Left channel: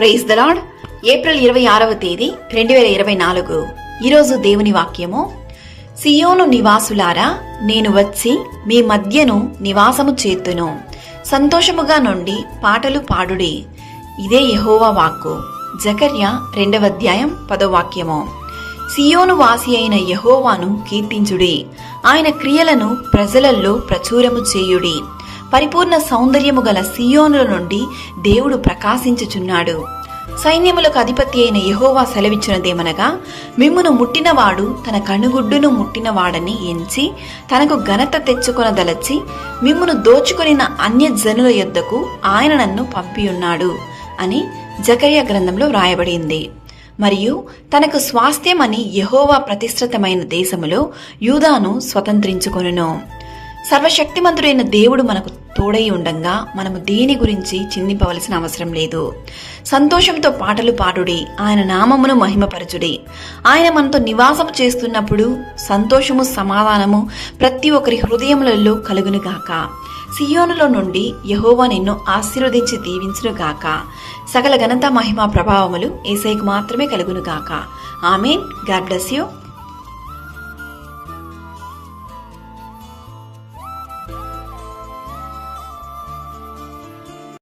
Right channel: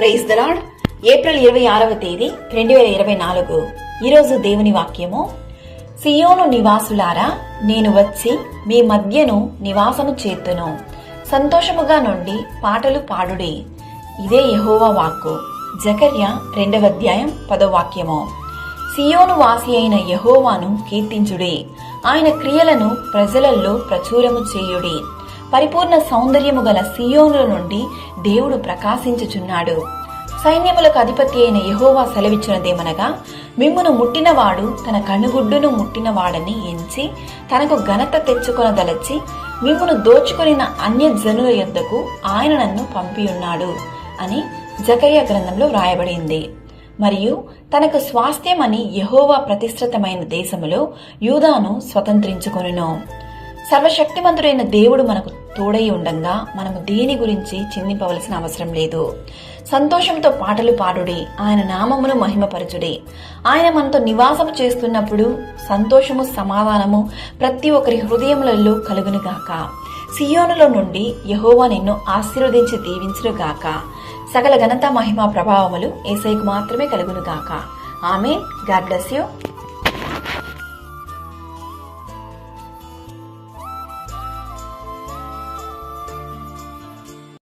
Praise the lord. April 26వ తేదీ 2024. ఈరోజు దేవుని వాక్యము: సియోను నివాసులారా, నేను వచ్చి మీ మధ్యను నివాసము చేతును. సంతోషముగా నుండి పాటలు పాడుడి. ఇదే యెహోవా వాక్కు. జకర్యా 2వ అధ్యాయం 10వ వాక్యము. సియోను వాసి అయిన యెహోవాను కీర్తించుడి. ఆయన క్రియలను ప్రజలలో ప్రచురము చేయుడి. పరిపూర్ణ సౌందర్యము గల సియోనుల నుండి దేవుడు ప్రకాశించుచున్నాడు. సైన్యములకు అధిపతి అయిన యెహోవా సెలవిచ్చినదేమనగా, మిమ్మును ముట్టినవాడు తన కనుగుడ్డును ముట్టినవాడని ఎంచి తనకు ఘనత తెచ్చుకొనదలచి మిమ్మును దోచుకొనిన అన్యజనుల యొద్దకు ఆయన నన్ను పంపియున్నాడు అని జకర్యా గ్రంథంలో వ్రాయబడింది. మరియు తనకు స్వాస్థ్యమని యెహోవా ప్రతిష్ఠితమైన దేశములో యూదాను స్వతంత్రించుకొనును. సర్వశక్తిమంతుడైన దేవుడు మనకు తోడై ఉండంగా మనము దేని గురించి చింతింపవలసిన అవసరం లేదు. సంతోషంతో పాటలు పాడుడి, ఆయన నామమును మహిమపరచుడి. ఆయన మనతో నివాసము చేస్తున్నప్పుడు సంతోషము, సమాధానము ప్రతి ఒక్కరి హృదయములలో కలుగునుగాక. సియోనులో నుండి యెహోవా నిన్ను ఆశీర్వదించి దీవించునుగాక. సకల ఘనత, మహిమ, ప్రభావములు యేసయ్యకు మాత్రమే కలుగునుగాక. ఆమేన్. God bless you.